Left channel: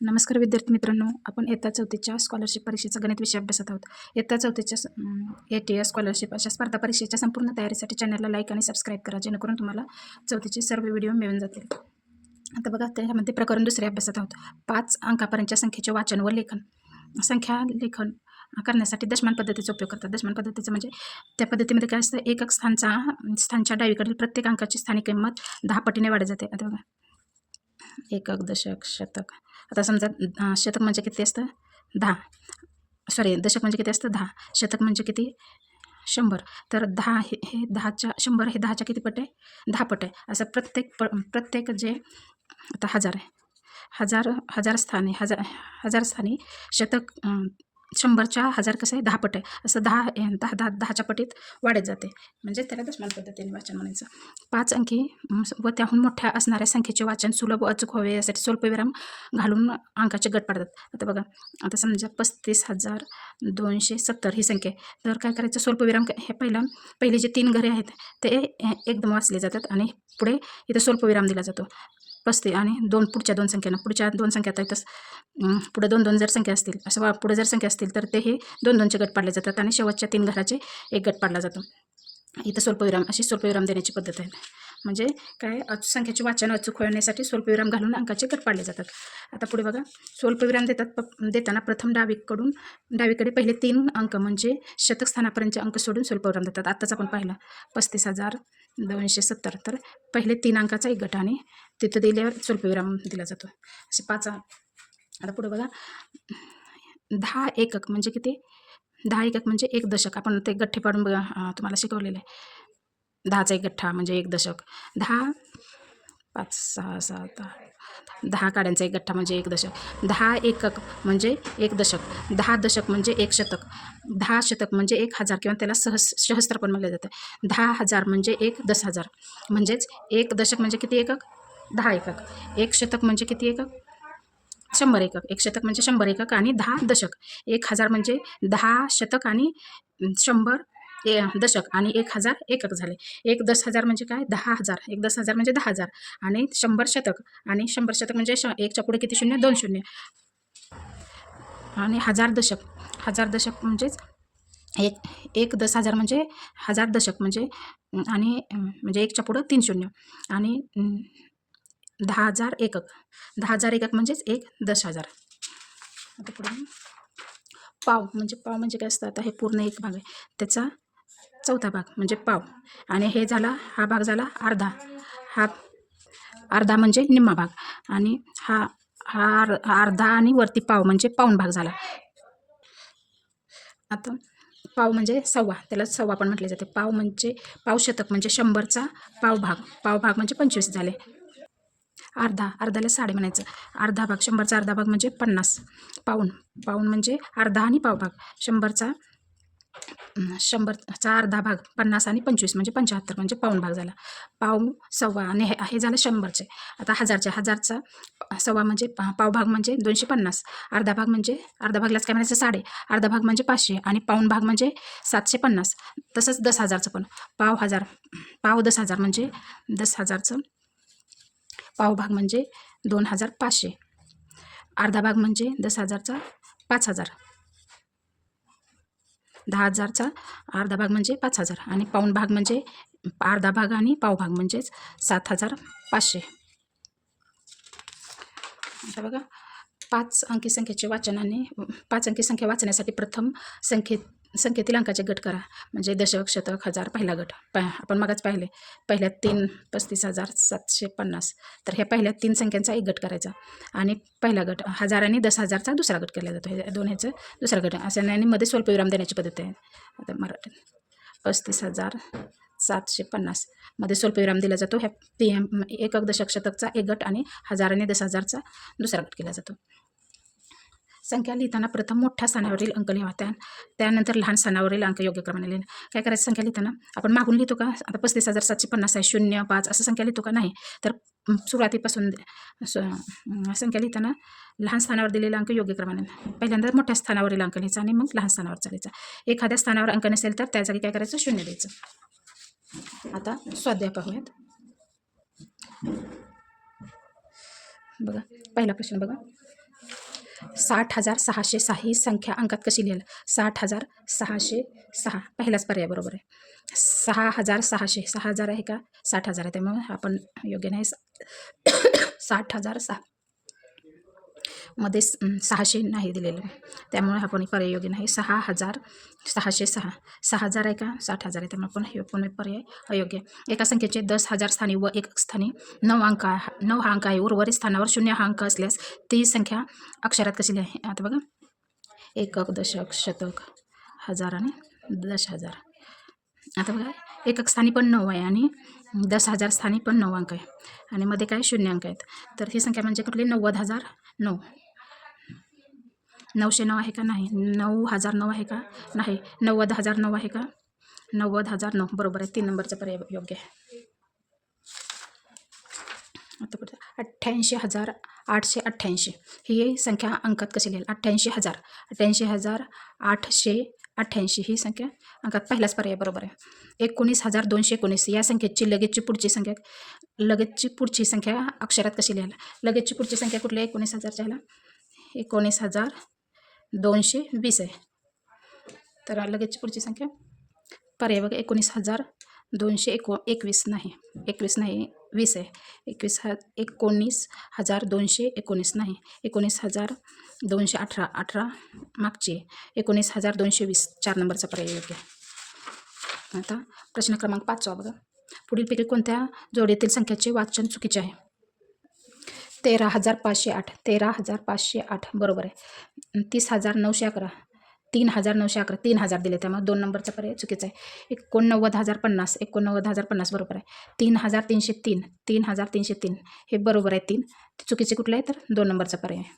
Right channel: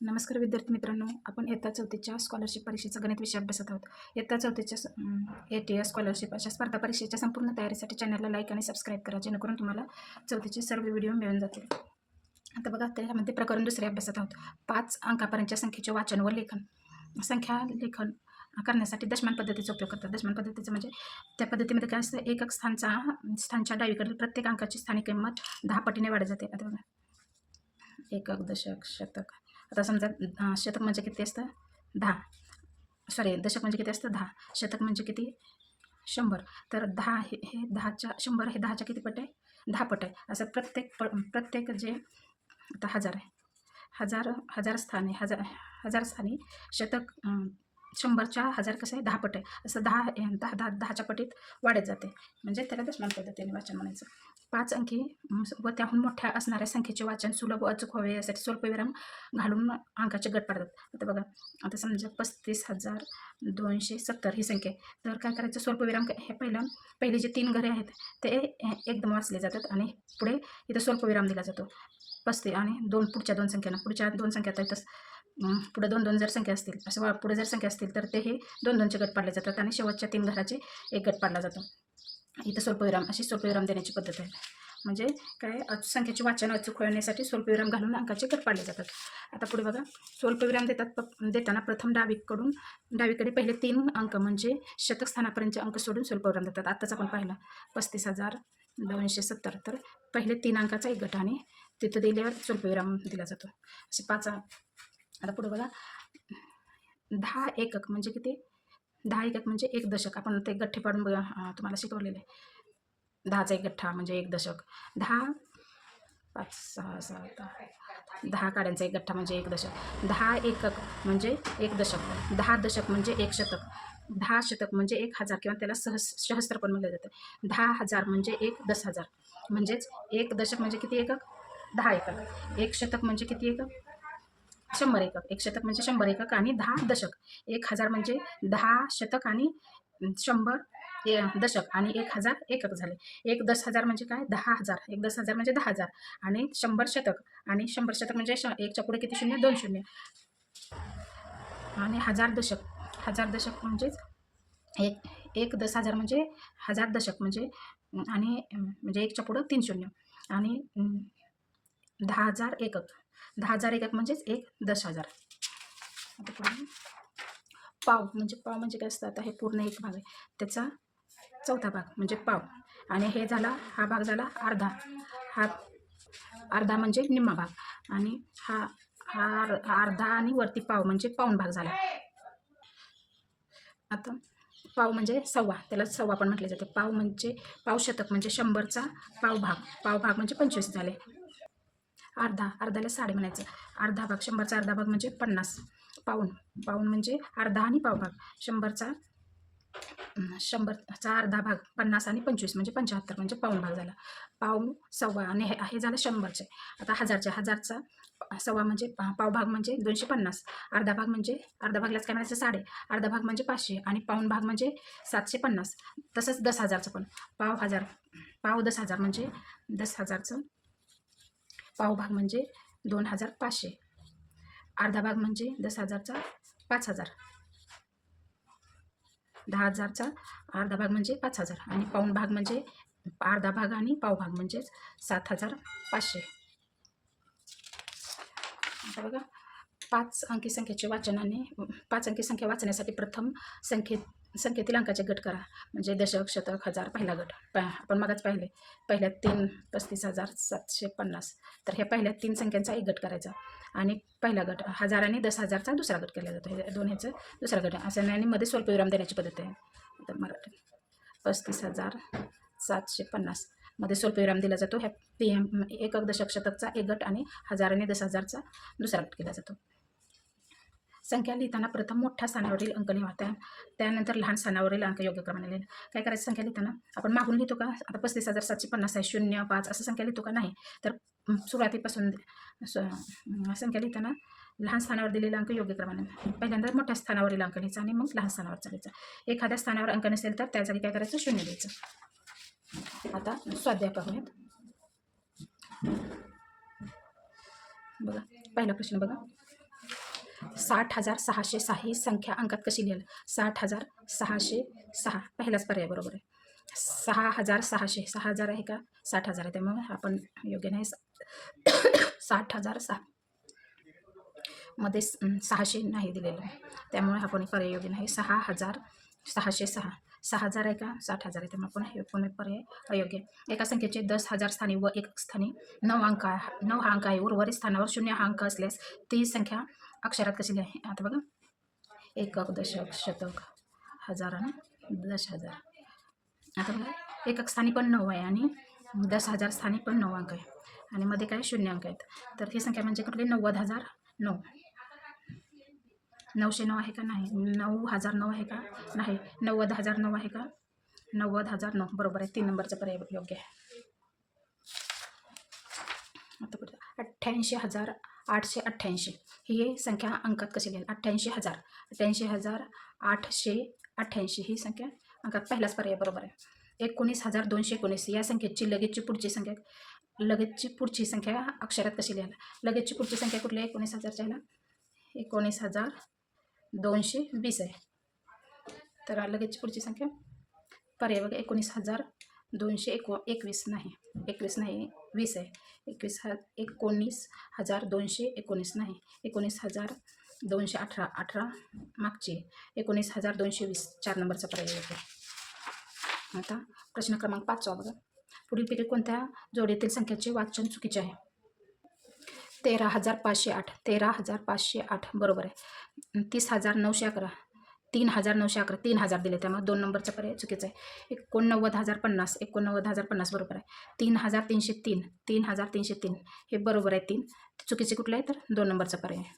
नमस्कार विद्यार्थी मित्रांनो आपण इयत्ता चौथीच्या स्कॉलरशिप परीक्षेचा गणित विषय अभ्यासत आहोत. इयत्ता चौथीच्या ए टी एस स्कॉलरशिप अशा स्पर्धा परीक्षेच्या संपूर्ण तयारीसाठी चॅनलला लाईक आणि सबस्क्राईब करा जेणेकरून तुम्हाला चौथीचे सर्व व्हिडिओ मिळून जातील. आता बघा त्यामध्ये प्रकरण दुसरे अभ्यासत आहोत. पाच अंकापर्यंतच्या संख्येचे वाचन व लेखन. संख्या लेखन करण्यासाठी दशमान पद्धतीचा उपयोग करतात. दशमान पद्धतीचं म्हणजे त्या पद्धतीमध्ये काय असतं? एकक स्थानचा स्थानच्या डावीकडील प्रत्येक अंकाची स्थानिक किंमत दहा पटीने वाढत जाते. आता बघा. एकक दशक शतक. आता समजा शतक म्हणजे किती असतं? दहा. सॉरी दशक म्हणजे किती असतं? दहा. शतक म्हणजे किती? शंभर. तर दहा हे हे दहाच्या शंभर हे दहाच्या किती पट आहे? दहा पट आहे. असं प्रत्येक प प्रत्येक जे आता हजार आहे. हजार हजार स्थानी हजार हजार स्थानी शतक शंभरच्या हजार कसं आहे? दहा पट आहे. असं दहा दहा दहा दहाच्या पटीत वाढत जाते. म्हणजे त्याला दशमान पद्धतीने वाचन म्हणायचं. पाच अंकी व त्याहून मोठ्या असणाऱ्या संख्येचे वाचन सुलभ अचूक व्हावे यासाठी स्वल्पविराम घालून अंकाचे गट पाडतात. आता बघा आता समजा पस्तीस हजार दोनशे सत्तर ही संख्या आहे. तर काय करायचं? स्वल्पविराम हे पहिलं पहिले जे तीन घरे आहेत ते एकदम वाचले जातात आणि पुढे इथं स्वल्पविराम दिला जातो. बसते आणि दोन पुढच्या दोन संख्यांना पुढच्या दोन संख्या आता पुढे दोन दोन जर संख्या असतील असं वा- पुढे जर संख्या असतील तर ते हे दोन दोनचे गट पाडले जातात आणि शेवटच्या तीन घराचे एक गट पाडला जातो. इथं स्वल्पविराम अशी स्वल्पविराम देण्याची पद्धत आहे. म्हणजे काय अच संख्येचे वाचन अचूक होण्यासाठी स्वल्पविराम घालून अंकाचे गट पाडले जातात. आता पुढे बघा स्वल्पविराम देतात प- देताना प्रथम डावीकडून डावीकडे पहिले तीन अंक म्हणजे शतक स्थानापर्यंतचे अंक सोडून स्वल्पविराम देतात. आत्ताच आपण पाहिलं पस्तीस हजार दोनशे सत्तर तर पहिले तीन अंकाचा एक गट आणि तिथं दिल्यावर स्वल्पविराम दिला जातो. असे पाच आता पुढे बघा. दहा एकक म्हणजे किती? दहा एकक म्हणजे एक दशक. आपण ते गठ्ठे पाडून बघा तुम्हाला शिकवलेलं आहे. दहाचा एक गठ्ठा म्हणजे एक दशक. दहा पाच सहा सात आठ दहा काड्यांचा एक गठ्ठा म्हणजे एक दशक. दहा एकक म्हणजे एक दशक. दहा दशक म्हणजे एक शतक. दहा शतक म्हणजे एक हजार किंवा त्याला सहस सहस्त्र पण म्हटलं जातं. दहा हजार म्हणजे एक दस हजार. म्हणजेच एक दशक म्हणजे किती एकक? दहा एकक. एक शतक म्हणजे किती एकक? शंभर एकक. एक शतक म्हणजे शंभर एकक आणि दहा दशक. एक हजार म्हणजे दहा शतक आणि शंभर ए दशक आणि एक हजार एकक झाले. एक दस हजार म्हणजे काय? दहा हजार. एक दस हजार म्हणजे दहा हजार. आणि शंभर शतक. आणि शंभर शतक म्हणजे श एकच्या पुढे किती शून्य? दोन शून्य. आणि हजार दशक. हजार दशक म्हणजेच एक एक दस हजार म्हणजे हजार दशक म्हणजे आणि म्हणजे एकच्या पुढं तीन शून्य. आणि दहा हजार एकक. दहा हजार एकक म्हणजेच एक दस हजार. आता पुढे पाव म्हणजे पाव म्हणजे काय असतं? आता हे पूर्ण एक भाग आहे. त्याचा चौथा भाग म्हणजे पाव. आणि हे झाला हा भाग झाला अर्धा. हा अर्धा म्हणजे निम्मा भाग. आणि हा हा अर्धा आणि वरती पाव म्हणजे पाऊण भाग झाला. आता पाव म्हणजे सव्वा. त्याला सव्वा पण म्हटले जाते. पाव म्हणजे पाव शतक म्हणजे शंभरचा पाव भाग. पाव भाग म्हणजे पंचवीस झाले. अर्धा अर्धाला साडे म्हणायचं. अर्धा भाग शंभरचा अर्धा भाग म्हणजे पन्नास. पाऊण. पाऊण म्हणजे अर्धा आणि पाव भाग. शंभरचा शंभरचा अर्धा भाग पन्नास आणि पंचवीस म्हणजे पंच्याहत्तर म्हणजे पाऊण भाग झाला. पाव सव्वा आणि हे हे झालं शंभरचे. आता हजारचे हजारचा सव्वा म्हणजे पावभाग पाव भाग म्हणजे दोनशे पन्नास. अर्धा भाग म्हणजे अर्धा भागलाच काय म्हणायचं? साडे. अर्धा भाग म्हणजे पाचशे आणि पाऊण भाग म्हणजे सातशे पन्नास. तसंच दस हजारचं पण. पाव हजार पाव दस हजार म्हणजे दस हजारचं पाव भाग म्हणजे दोन हजार पाचशे. अर्धा भाग म्हणजे दस हजारचा पाच हजार. दहा हजारचा अर्धा भाग म्हणजे पाच हजार आणि पाऊण भाग म्हणजे अर्धा भाग आणि पाव भाग म्हणजेच सात हजार पाचशे. आता बघा पाच अंकी संख्येचे वाचनाने पाच अंकी संख्या वाचण्यासाठी प्रथम संख्येत संख्येतील अंकाचे गट करा. म्हणजे दशक शतक हजार पहिला गट. प आपण मगाच पाहिले. पहिल्या तीन पस्तीस हजार सातशे पन्नास. तर ह्या पहिल्या तीन संख्यांचा एक गट करायचा. आणि पहिला गट हजार आणि दस हजारचा दुसरा गट केला जातो. हे दोन ह्याचं दुसरा गट. असं आणि मध्ये स्वल्पविराम देण्याची पद्धत आहे. आता मराठीत. पस्तीस हजार सातशे पन्नास. मध्ये स्वल्पविराम दिला जातो. ह्या ती एकक दशक शतकचा एक गट आणि हजार आणि दस हजारचा दुसरा गट केला जातो. संख्या लिहिताना प्रथम मोठ्या स्थानावरील अंक लिहा. त्या त्यानंतर लहान स्थानावरील अंक योग्य क्रमाने लिहिणं. काय करायचं संख्या लिहिताना? आपण मागून लिहितो का? आता पस्तीस हजार सातशे पन्नास आहे शून्य पाच असं संख्या लिहितो का? नाही. तर सुरुवातीपासून स- संख्या लिहिताना लहान स्थानावर दिलेला अंक योग्य क्रमाने पहिल्यांदा मोठ्या स्थानावरील अंक लिहायचा आणि मग लहान स्थानावर चालायचा एखाद्या स्थानावर अंक नसेल तर त्या जागी काय करायचं? शून्य द्यायचं आता स्वाध्याय पाहूयात. बघा पहिला प्रश्न बघा. साठ हजार सहाशे सहा ही संख्या अंकात कशी लिहिलं? साठ हजार सहाशे सहा. पहिलाच पर्याय बरोबर आहे. सहा हजार सहाशे. सहा हजार आहे का? साठ हजार आहे. त्यामुळे आपण योग्य नाही. साठ हजार सहा. मध्ये सहाशे नाही दिलेलं. त्यामुळे हा कोणी पर्याय योग्य नाही. सहा हजार सहाशे सहा. सहा हजार आहे का? साठ हजार आहे. त्यामुळे पण हे कोणी पर्याय अयोग्य. आहे. एका संख्येचे दस हजार स्थानी व एक स्थानी नऊ अंक आहे. नऊ हा अंक आहे. उर्वरित स्थानावर शून्य हा अंक असल्यास ती संख्या अक्षरात कशी आहे आता बघा. एकक दशक शतक हजार आणि दश हजार. आता बघा. एकक स्थानी पण नऊ आहे आणि दस हजार स्थानी पण नऊ अंक आहे. आणि मध्ये काय? शून्य अंक आहेत. तर ही संख्या म्हणजे कुठली? नव्वद हजार नऊ. नऊशे नऊ आहे का? नाही. नऊ हजार नऊ आहे का? नाही. नव्वद हजार नऊ आहे का? नव्वद हजार नऊ. बरोबर आहे. तीन नंबरचा पर्याय योग्य आहे. आता पुढे अठ्ठ्याऐंशी हजार आठशे अठ्ठ्याऐंशी. ही संख्या अंकात कशी लिहिली? अठ्ठ्याऐंशी हजार. अठ्ठ्याऐंशी हजार आठशे अठ्ठ्याऐंशी. ही संख्या अंकात पहिलाच पर्याय बरोबर आहे. एकोणीस हजार दोनशे एकोणीस. या संख्येची लगेचची पुढची संख्या लगेचची पुढची संख्या अक्षरात कशी लिहायला? लगेचची पुढची संख्या कुठली आहे? एकोणीस हजारच्या ह्याला. एकोणीस हजार दोनशे वीस आहे. तर लगेचची पुढची संख्या. पर्याय बघा एकोणीस हजार दोनशे एको एकवीस नाही. एकवीस नाही वीस आहे. एकवीस ह एकोणीस हजार दोनशे एकोणीस नाही. एकोणीस हजार दोनशे अठरा अठरा मागची एकोणीस हजार दोनशे वीस चार नंबरचा पर्याय येतो आहे. आता प्रश्न क्रमांक पाचवा बघा. पुढीलपैकी कोणत्या जोडीतील संख्येचे वाचन चुकीचे आहे? तेरा हजार पाचशे आठ. तेरा हजार पाचशे आठ. बरोबर आहे. तीस हजार नऊशे अकरा. तीन हजार नऊशे अकरा. तीन हजार दिले त्यामुळे दोन नंबरचा पर्याय चुकीचा आहे. एकोणनव्वद हजार पन्नास. एकोणनव्वद हजार पन्नास. बरोबर आहे. तीन हजार तीनशे तीन. तीन हजार तीनशे तीन. हे बरोबर आहे तीन. चुकीचे कुठले आहे तर? दोन नंबरचा पर्याय आहे.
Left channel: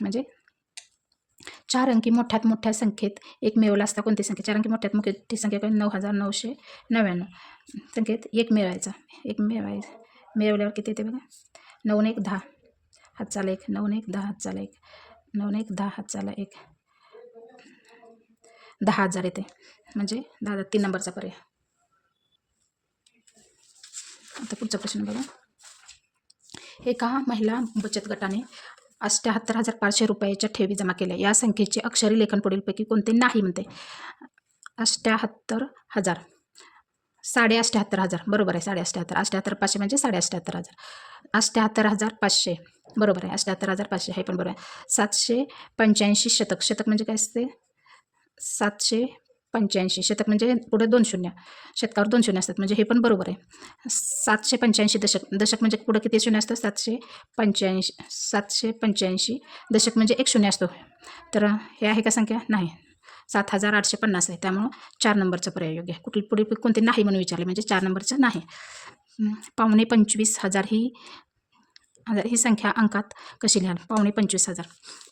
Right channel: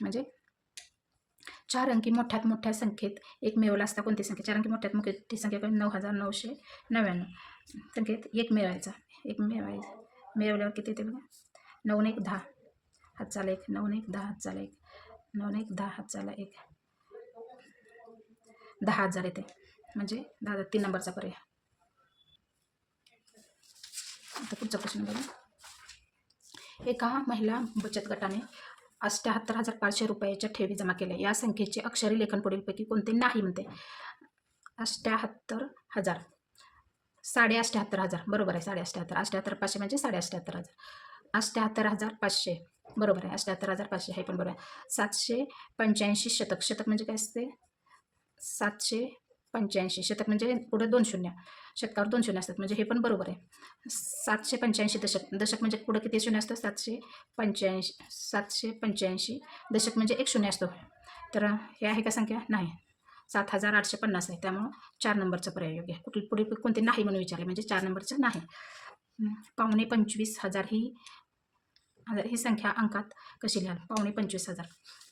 म्हणजे चार अंकी मोठ्यात मोठ्या संख्येत एक मिळवला असता कोणती संख्या? चार अंकी मोठ्यात मोठी संख्या नऊ हजार नऊशे नव्याण्णव. संख्येत एक मिळवायचा. एक मिळवायचा मिळवल्यावर किती येते बघा. नऊ एक दहा. हात चाला एक. नऊ एक दहा. हात चाला एक. नऊ एक दहा. हात चाला एक. दहा हजार येते. म्हणजे दहा तीन नंबरचा पर्याय. आता पुढचा प्रश्न बघा. एका महिला बचत गटाने अष्ट्याहत्तर हजार पाचशे रुपयाच्या ठेवी जमा केल्या. या संख्येचे अक्षरी लेखन पुढीलपैकी कोणते? नाही म्हणते. अष्ट्याहत्तर हजार. साडे अष्ट्याहत्तर हजार. बरोबर आहे साडे अष्ट्याहत्तर अष्ट्याहत्तर पाचशे म्हणजे साडे अष्ट्याहत्तर हजार. अष्ट्याहत्तर हजार पाचशे. बरोबर आहे अष्ट्याहत्तर हजार पाचशे. हे पण बरोबर आहे. सातशे पंच्याऐंशी शतक. शतक म्हणजे काय असते? सातशे पंच्याऐंशी. शतक म्हणजे पुढे दोन शून्य. शतकावर दोन शून्य असतात. म्हणजे हे पण बरोबर आहे. सातशे पंच्याऐंशी दशक. दशक म्हणजे पुढं किती शून्य असतं? सातशे पंच्याऐंशी सातशे पंच्याऐंशी दशक म्हणजे एक शून्य असतो. तर हे आहे का संख्या? नाही. सात हजार आठशे पन्नास आहे. त्यामुळं चार नंबरचा पर्याय योग्य आहे. कुठली पुढे कोणते नाही म्हणून विचारले म्हणजे चार नंबरचं नाही. पावणे पंचवीस हजार ही हजार ही संख्या अंकात कशी लिहाल? पावणे पंचवीस हजार.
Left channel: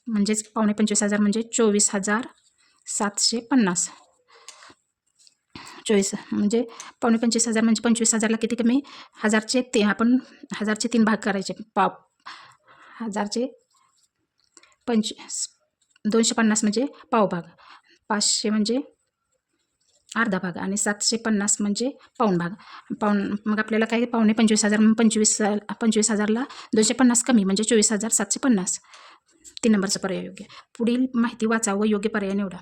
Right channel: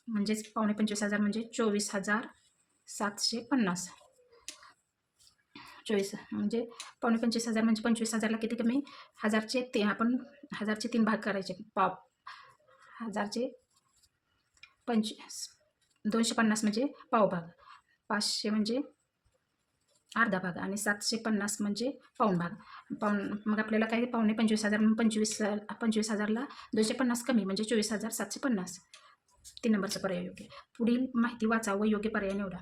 म्हणजेच पावणे पंचवीस हजार म्हणजे चोवीस हजार सातशे पन्नास. चोवीस म्हणजे पावणे पंचवीस हजार म्हणजे पंचवीस हजारला किती कमी? हजारचे ते आपण हजारचे तीन भाग करायचे. पाव हजारचे पंच दोनशे पन्नास म्हणजे पावभाग. पाचशे म्हणजे अर्धा भाग आणि सातशे पन्नास म्हणजे पाऊण भाग. पाऊण मग आपल्याला काय पावणे पंचवीस हजार मग पंचवीस पंचवीस हजारला दोनशे पन्नास कमी म्हणजे चोवीस हजार सातशे पन्नास. तीन नंबरचा पर्याय योग्य. पुढील माहिती वाचा व योग्य पर्याय निवडा.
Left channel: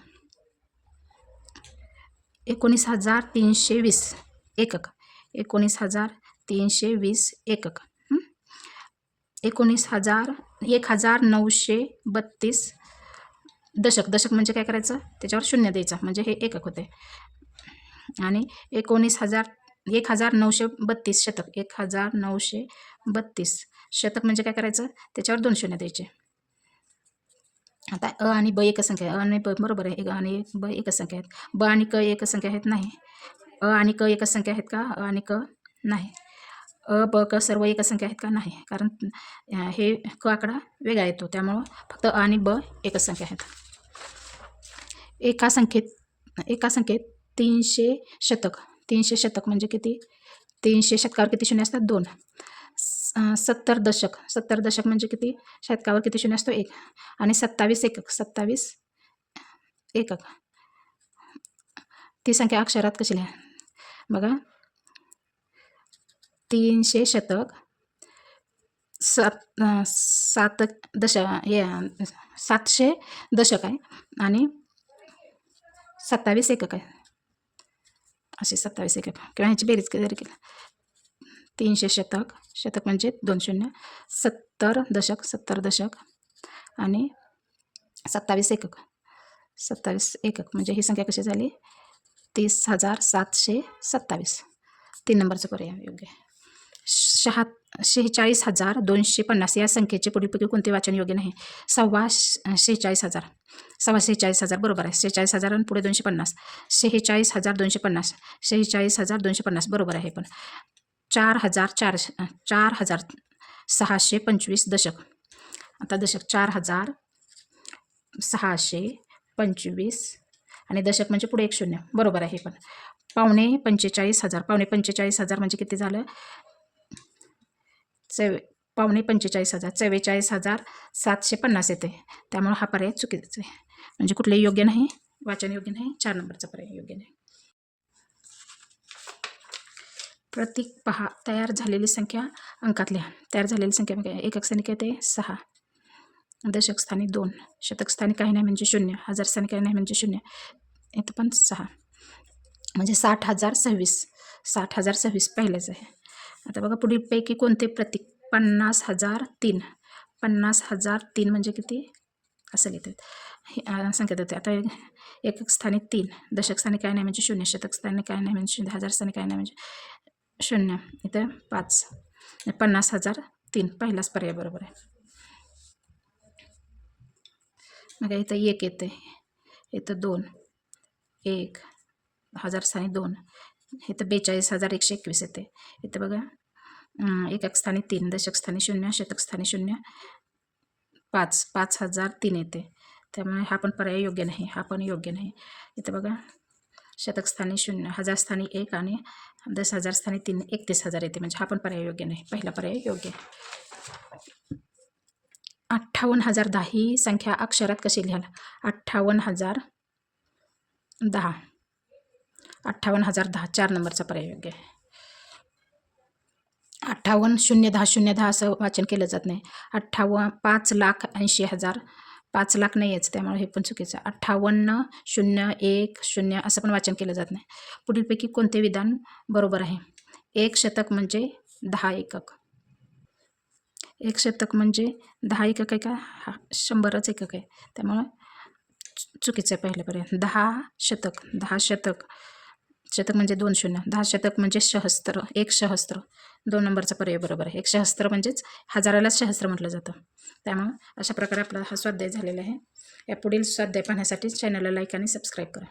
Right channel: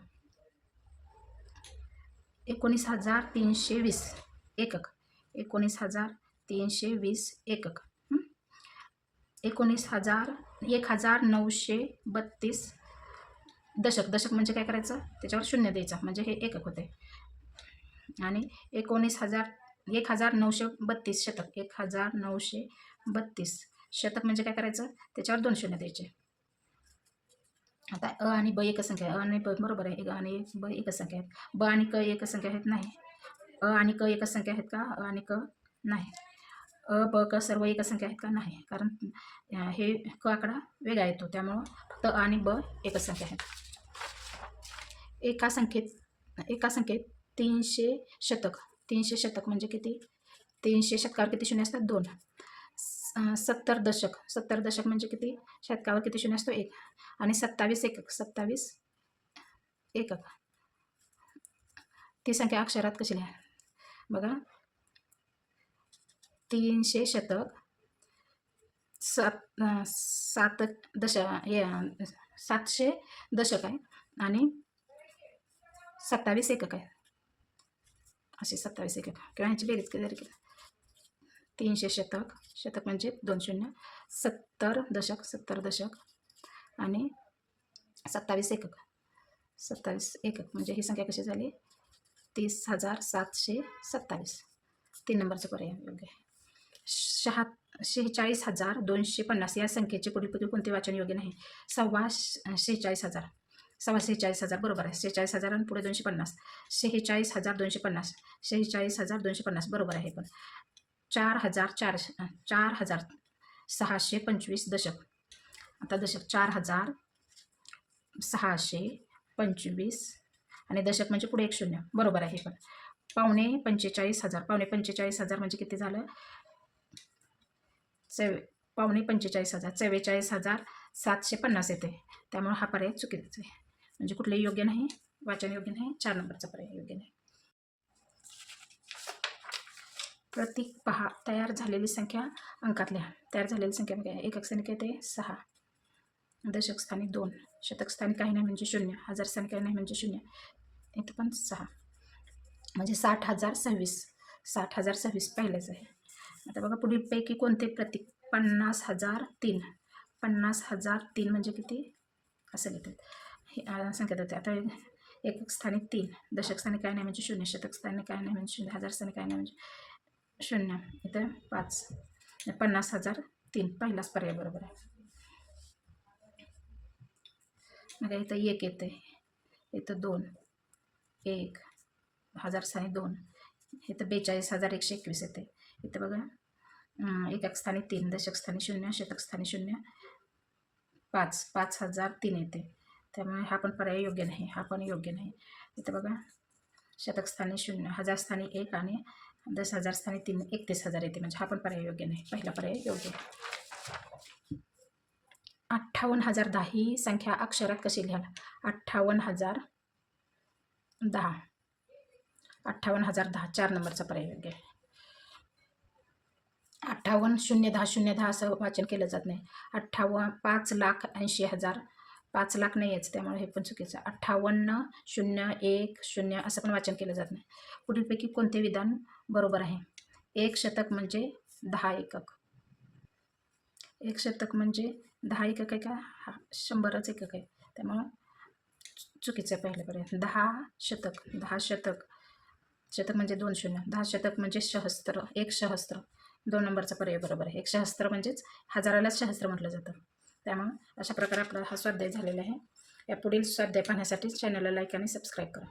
एकोणीस हजार तीनशे वीस एकक. एकोणीस हजार तीनशे वीस एकक. एकोणीस हजार एक हजार नऊशे बत्तीस दशक दशक म्हणजे काय करायचं? त्याच्यावर शून्य द्यायचं म्हणजे हे एकक होते. आणि एकोणीस हजार एक हजार नऊशे बत्तीस शतक एक हजार नऊशे बत्तीस शतक म्हणजे काय करायचं? त्याच्यावर दोन शून्य द्यायचे. आता अ आणि ब एकच संख्या आहे अ आणि ब बरोबर आहे एक आणि ब एकच संख्या आहेत. ब आणि क एकच संख्या आहेत नाही. अ आणि क एकच संख्या आहेत का? अ आणि क नाही. अ ब क सर्व एकच संख्या आहेत का? नाही. कारण हे क आकडा वेगळा येतो त्यामुळं फक्त अ आणि ब एकच संख्या आहेत. एका संख्येत एका संख्येत तीनशे शतक. तीनशे शतक म्हणजे किती? तीनशे शतकावर किती शून्य असतात? दोन. स- सत्तर दशक. सत्तर दशक म्हणजे किती? शतकावर किती शून्य असतो? एक. आणि सत्तावीस एकक. सत्तावीस एकक. ती संख्या अक्षरात कशी लिहा? बघा. तीनशे शतक. सात सात दश हे सातशे दशक आहे. आणि सत्तावीस एकक आहे. असे सत्तावीस एकक. किंवा ह्याची बेरीज जरी केलं तीनशे शतक. शतक म्हणजे दोन शून्य. सत्तर दशक सत्तर दशक आणि सत्तावीस एकक. सत्तावीस एकक म्हणजे ही संख्या कशी झाली? तीस हजार सातशे सत्तावीस. तीन नंबरचं पर्याय योग्य शहा शेहेचाळीस हजार दोनशे पन्नास. या संख्येचे पुढीलपैकी कोणते वाचन योग्य नाही? सव्वा श- शेहेचाळीस हजार. सव्वा सेहेचाळीस हजार बरोबर आहे. सेहेचाळीस हजार आणि पुढे दोनशे पन्नास. शेहेचाळीस हजार दोनशे पन्नास. सेहेचाळीस हजार दोनशे पन्नास बरोबर आहे पण. चार हजार चारशे चार हजार सहाशे पंचवीस दशक. आता दशक चार हजार सहाशे पंचवीस आणि दशक म्हणजे पुढे एक शून्य बरोबर आहे पण. पावणे पंचेचाळीस हजार पावणे पंचेचाळीस हजार म्हणजे किती झालं? चव पावणे पंचेचाळीस हजार चव्वेचाळीस हजार सातशे पन्नास येते. त्यामुळे हा पर्याय चुकीचा आहे. म्हणजे कुठलेही योग्य नाही. वाचन योग्य नाही. चार नंबरचा पर्याय योग्य नाही. प्रतीक पहा. तयार झालेली संख्या अंकात लिहा तयार झालेली संख्या म्हणजे एकक स्थानी काय ते सहा. दशक स्थानी दोन. शतक स्थानी काही नाही म्हणजे शून्य. हजार स्थानी काही नाही म्हणजे शून्य. इथं पण सहा. म्हणजे साठ हजार सव्वीस. साठ हजार सव्वीस पहिलेच आहे. आता बघा पुढीलपैकी कोणते प्रतीक? पन्नास हजार तीन. पन्नास हजार तीन म्हणजे किती? असं घेतात हे संख्या आता एकक स्थानी तीन. दशक स्थानी काय नाही म्हणजे शून्य. शतक स्थानी काय नाही म्हणजे शून्य. हजार स्थानी काय नाही म्हणजे शून्य. इथं पाच. पन्नास हजार तीन. पहिलाच पर्याय बरोबर आहे. मग इथं एक येते इथं दोन. एक. हजार स्थानी दोन. इथं बेचाळीस हजार एकशे एकवीस येते. इथं बघा एकक स्थानी तीन. दशक स्थानी शून्य. शतक स्थानी शून्य. पाच. पाच हजार तीन येते. त्यामुळे हा पण पर्याय योग्य नाही हा पण योग्य नाही. इथं बघा शतकस्थानी शून्य हजार स्थानी एक आणि दस हजार स्थानी तीन एकतीस हजार येते. म्हणजे हा पण पर्याय योग्य नाही. पहिला पर्याय योग्य. आहे अठ्ठावन्न हजार दहा ही संख्या अक्षरात कशी लिहाल? अठ्ठावन्न हजार दहा. अठ्ठावन्न हजार दहा चार नंबरचा पर्याय योग्य आहे. अठ्ठावन्न शून्य दहा शून्य दहा असं वाचन केलं जात नाही. अठ्ठावन्न पाच लाख ऐंशी हजार पाच लाख नाही यायचं त्यामुळे हे पण चुकीचं अठ्ठावन्न शून्य एक शून्य असं पण वाचन केलं जात नाही. पुढीलपैकी कोणते विधान बरोबर आहे? एक शतक म्हणजे दहा एकक. एक शतक म्हणजे दहा एकक आहे का? हा शंभरच एकक आहे. त्यामुळं चु- चुकीचं आहे पहिल्यापर्यंत. दहा शतक दहा शतक. शतक म्हणजे दोन शून्य. दहा शतक म्हणजे सहस्त्र एक सहस्त्र. दोन नंबरचा पर्याय बरोबर आहे. एक सहस्त्र म्हणजेच हजाराला सहस्त्र म्हटलं जातं. त्यामुळं अशा प्रकारे आपला हा स्वाध्याय झालेला आहे. या पुढील स्वाध्याय पाहण्यासाठी चॅनलला लाईक आणि सबस्क्राईब करा.